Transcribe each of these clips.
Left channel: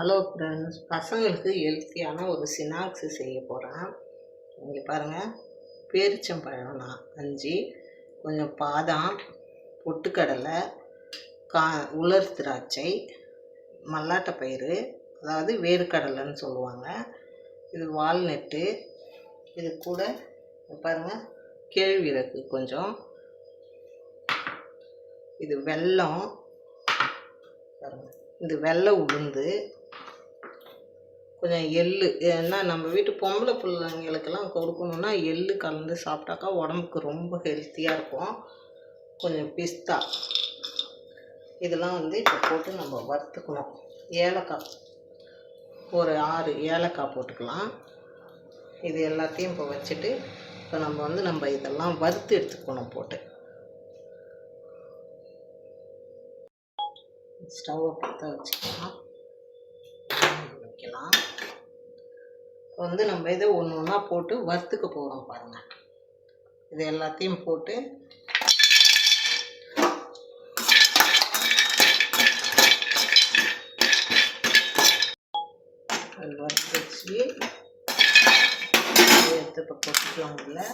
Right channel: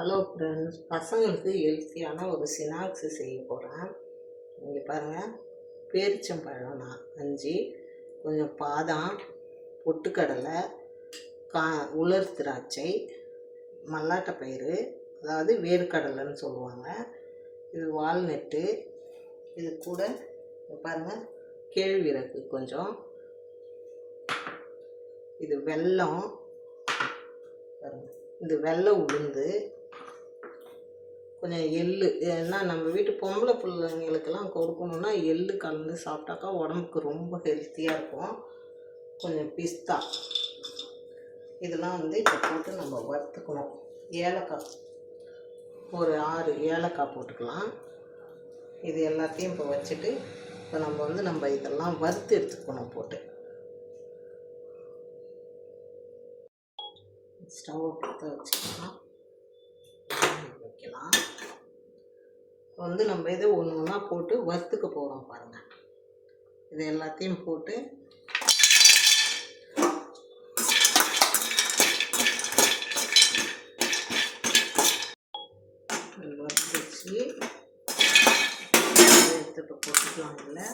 Hello friends, பசங்களுக்கு ஹெல்த்தியான ஒரு ஸ்நாக்ஸ் செய்ய போகிறேன். இங்கே பாருங்கள், பேரிச்சம்பழம் 5, கொஞ்சம் பாதாம், பொட்டுக்கடலை, உலர் திராட்சை, மல்லாட்டப்பயிறு, அதாவது வேர்க்கடலைன்னு சொல்லுவாங்க. இது வால்நட்டு, இது கூட பாருங்கள் கேழ்விறகு கொஞ்சம், இது வெல்லம் பாருங்கள், இது வெள்ளை உளுந்து, கொஞ்சம் எள்ளு. ஏன்னா நம்ம வீட்டு பொம்பளை பிள்ளைங்களுக்கெல்லாம் கொடுக்கணுன்னா எள்ளு கலந்து சாப்பிட்டாக்கா உடம்புக்கு ரொம்ப ஹெல்த்தியாக இருக்கும். கொஞ்சம் பிஸ்தா, இதெல்லாம் இப்போ போட்டு நம்ம வறுத்துக்கணும். ஏலக்காய் ஒரு 6 ஏலக்காய் போட்டுக்கலாம். இது எல்லாத்தையும் இப்போ வச்சுட்டு இப்போ நம்ம இதெல்லாம் வறுத்து எடுத்துக்கணும். போட்டு ஸ்டவ்வை பற்ற வச்சுக்கலாம், வைக்கலாம். நம்ம இதை ஒன்று ஒன்றா போட்டு வறுத்துக்க போகிறோம். பாருங்கள், இது எல்லாத்தையும் போட்டு வறுத்து வச்சு எடுத்து இப்போ போட்டுக்கலாம். இல்லை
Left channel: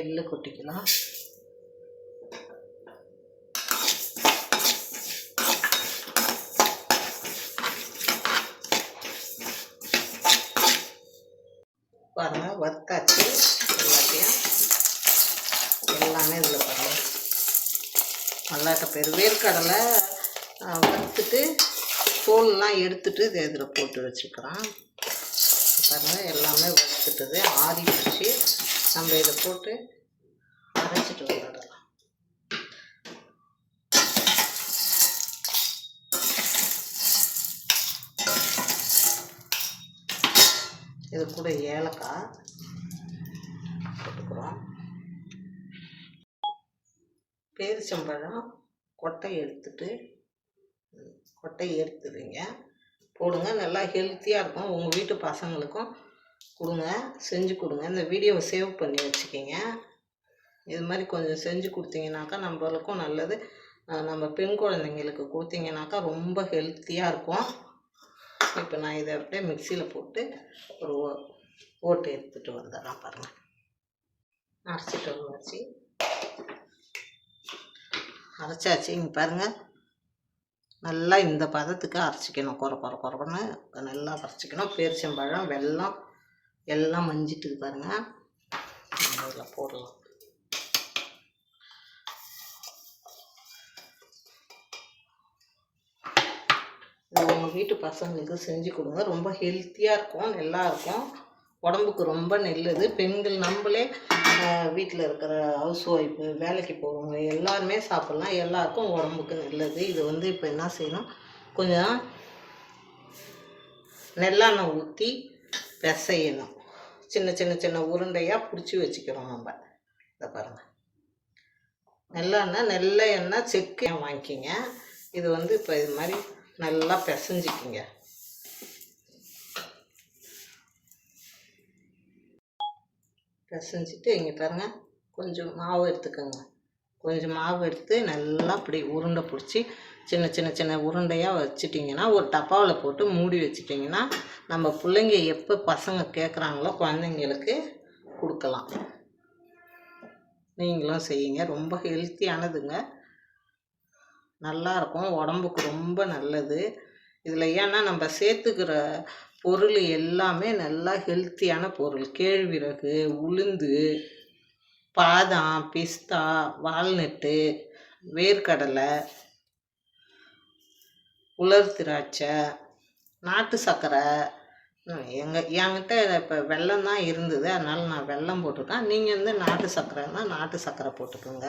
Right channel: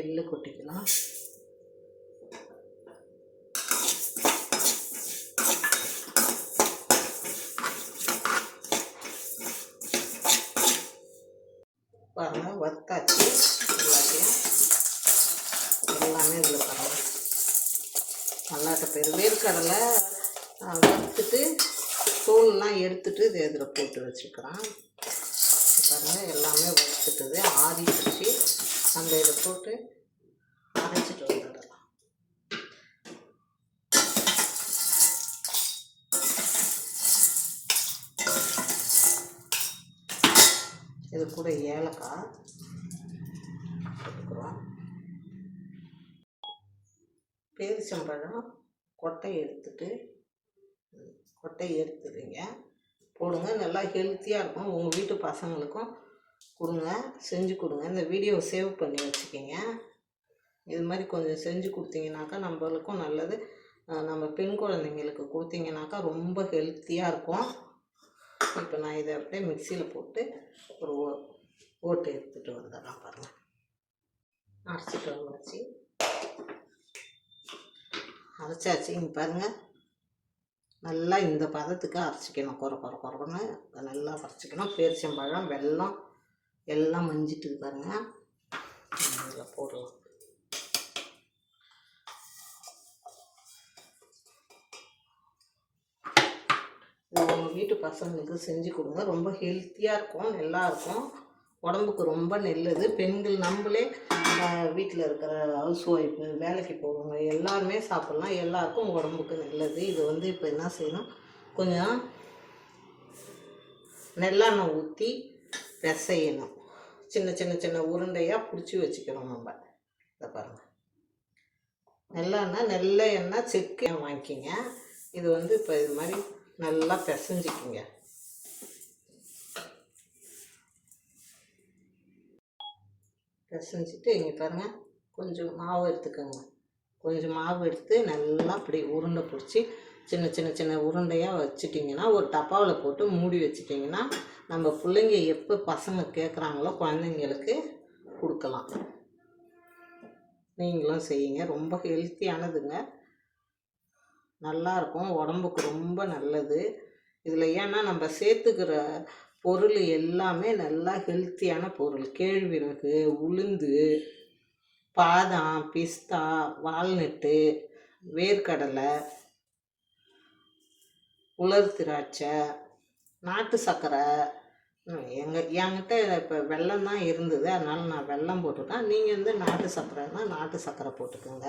எள்ளு கொட்டிக்கலாம். பாருங்க, வறுத்தாச்சு எல்லாத்தையும். எல்லாமே இதில் பாருங்கள், மல்லாட்டப்பயிறு, வேர்க்கடலை வறுத்துட்டு தோல்லாம் எடுத்துட்டு இதை இதில் போட்டு வச்சுக்கலாம். பாருங்கள், எல்லாமே வறுத்துட்டது ஆறிடுச்சு. நம்ம இதை போட்டு அரைச்சிட்டு வந்துடலாம். இது கூட ஏலக்காய் போட்டுக்கிறோம். பேரிச்சம்பழம் கொட்டையை எடுத்துடுங்க, போடுங்க. நல்லா ஹெல்த்தியாக இருக்கும். உங்கள் வீட்டு பசங்களுக்கும் கொடுங்க, செஞ்சு கொடுங்க. இந்த வீடியோவை சேவ் பண்ணி வச்சுக்கிங்க. இது மாதிரி கொஞ்சம் செஞ்சு கொடுத்தீங்கனாக்கா நம்மளுக்கும் நல்லது. நம்ம பெண் குழந்தைங்களுக்கு கொடுத்தீங்கனாக்கா ரொம்ப ஹெல்த்தியாக இருக்கும். இப்போ நான் இதை அப்படியே மிக்சியில் போட்டு ஒரு ஓட்டு எடுத்துகிட்டு வந்துடுறேன். பாருங்கள், அரைச்சிட்டு வச்சு அரைச்சாச்சு. இங்கே பாருங்கள், நல்லா இந்த பதத்துக்கு அரைச்சிக்கணும். குறன்னு நல்லா அரைச்சிக்கணும். பேரிச்சம்பழம், வெல்லம் எல்லாம் மஞ்சிட்டு பாருங்கள். நம்ம இதில் போடலாம். இது உங்கள் வீட்டு பசங்களுக்கு செஞ்சு கொடுங்க. ரொம்ப ஹெல்த்தியாக இருக்கும், நல்லாயிருக்கும், உடம்புக்கு ரொம்ப நல்லது. பெண்கள் நம்மளே வீட்டில் இருக்கிற ஹவுஸ் ஒய்ஃபு, வேலைக்கு போகிறவங்க எல்லாருமே சாப்பிட்லாம். எல்லாருக்கும் உடம்புக்கு நல்லது. இது இப்போ என்ன செய்யணும், கொஞ்சம் நெல்லெண்ணெய் ஊற்றி பிசையணும். சின்ன சின்ன சின்ன உருண்டையாக பிடிச்சி வச்சுக்கிறோம் நம்ம. இதை பாருங்கள், நெல்லை எண்ணெய் செக்கு வாங்கிக்கிங்க. இது இப்போ இது மாதிரி நல்லா பிசைஞ்சிக்கிங்க. பிசைஞ்சிட்டு இங்கே பாருங்கள், கொஞ்சம் மாவு எடுத்துக்கோங்க. கொஞ்சம் மாவு எடுத்து நல்லா அப்படி உருண்டை பிடிச்சி சின்ன சின்ன சின்ன உருண்டையாக வச்சுட்டிங்கன்னா ஒரு டப்பாவில் போட்டு மூடி வச்சிட்டிங்கன்னா நம்ம பிள்ளைங்க எப்போ பசங்க கேட்குறாங்களோ குழந்தைங்களுக்கு கொடுக்கலாம். நீங்களும் செய்யுங்க, ரொம்ப ஹெல்த்தியானதுங்க, நல்லாயிருக்கும், உடம்புக்கு ரொம்ப நல்லது. இதில் ஏன்னா நம்ம சேர்த்துக்கிற பொருள் எல்லாமே நல்லா ஹெல்த்தியான பொருள். கேழ்விறகு, உளுந்து, பாதாம், பிஸ்தா, வால்நட்டு, வேர்க்கடலை, உலர் திராட்சை, நாட்டு சர்க்கரை. என்கிட்ட இப்போ வெல்லம் தான் இருந்தது, அதனால் நான் வெல்லம் போட்டுருக்கேன். நீங்கள் நாட்டு சர்க்கரைன்னா நாட்டு சர்க்கரை போட்டுக்கோங்க.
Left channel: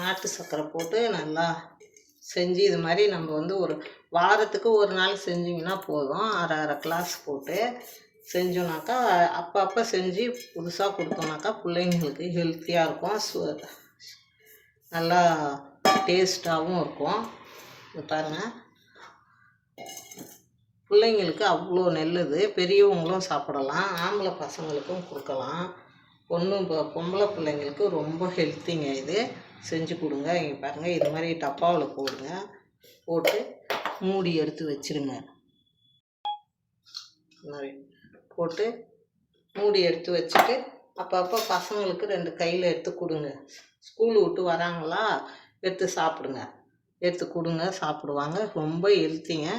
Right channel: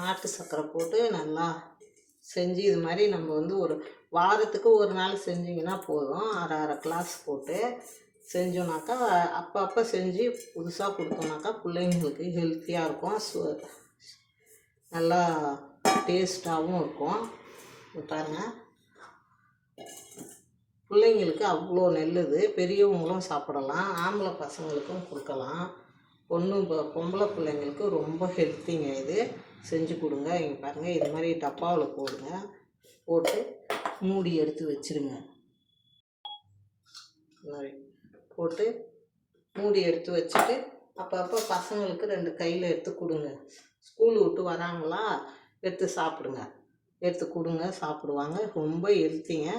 நாட்டு சர்க்கரை போட்டு நல்லா செஞ்சு இது மாதிரி நம்ம ஒரு வாரத்துக்கு ஒரு நாள் செஞ்சிங்கன்னா போதும். அரை கிளாஸ் போட்டு செஞ்சோன்னாக்கா அப்பப்போ செஞ்சு புதுசாக கொடுத்தோம்னாக்கா பிள்ளைங்களுக்கு ஹெல்த்தியாக இருக்கும், நல்லா டேஸ்ட்டாகவும் இருக்கும். பாருங்கள், பிள்ளைங்களுக்கு அவ்வளோ நல்லது. பெரியவங்களும் சாப்பிடலாம், ஆம்பளை பசங்களுக்கும் கொடுக்கலாம். பொம்பளை பிள்ளைங்களுக்கு ரொம்ப ஹெல்த்திங்க இது. செஞ்சு கொடுங்க. இங்கே பாருங்கள், இது மாதிரி டப்பாவில் போடுங்க. போட்டு மூடி எடுத்து வச்சுருங்க. இந்த மாதிரி போட்டு மூடி எடுத்து வச்சுட்டு அப்பப்போ பசங்களுக்கு 2 கையில் எடுத்து கொடுங்க. ஸ்கூல் விட்டு வராங்களா, எடுத்து சாப்பிடுங்க. எடுத்து கொடுங்க, சாப்பிடுவாங்க. ரொம்ப ஹெல்த்திங்க.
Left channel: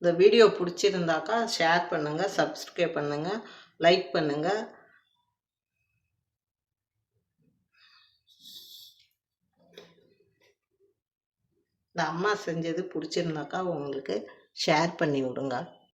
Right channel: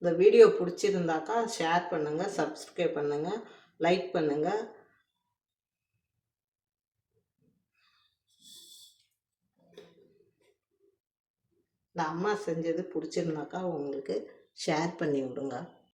இந்த வீடியோ பிடிச்சிருந்தாக்கா ஷேர் பண்ணுங்கள், சப்ஸ்கிரைப் பண்ணுங்கள், லைக் பண்ணுங்கள். இந்த அம்மா செஞ்சது பிடிச்சிருந்தாக்கா உங்களுக்கு ஷேர் பண்ணி விடுங்க.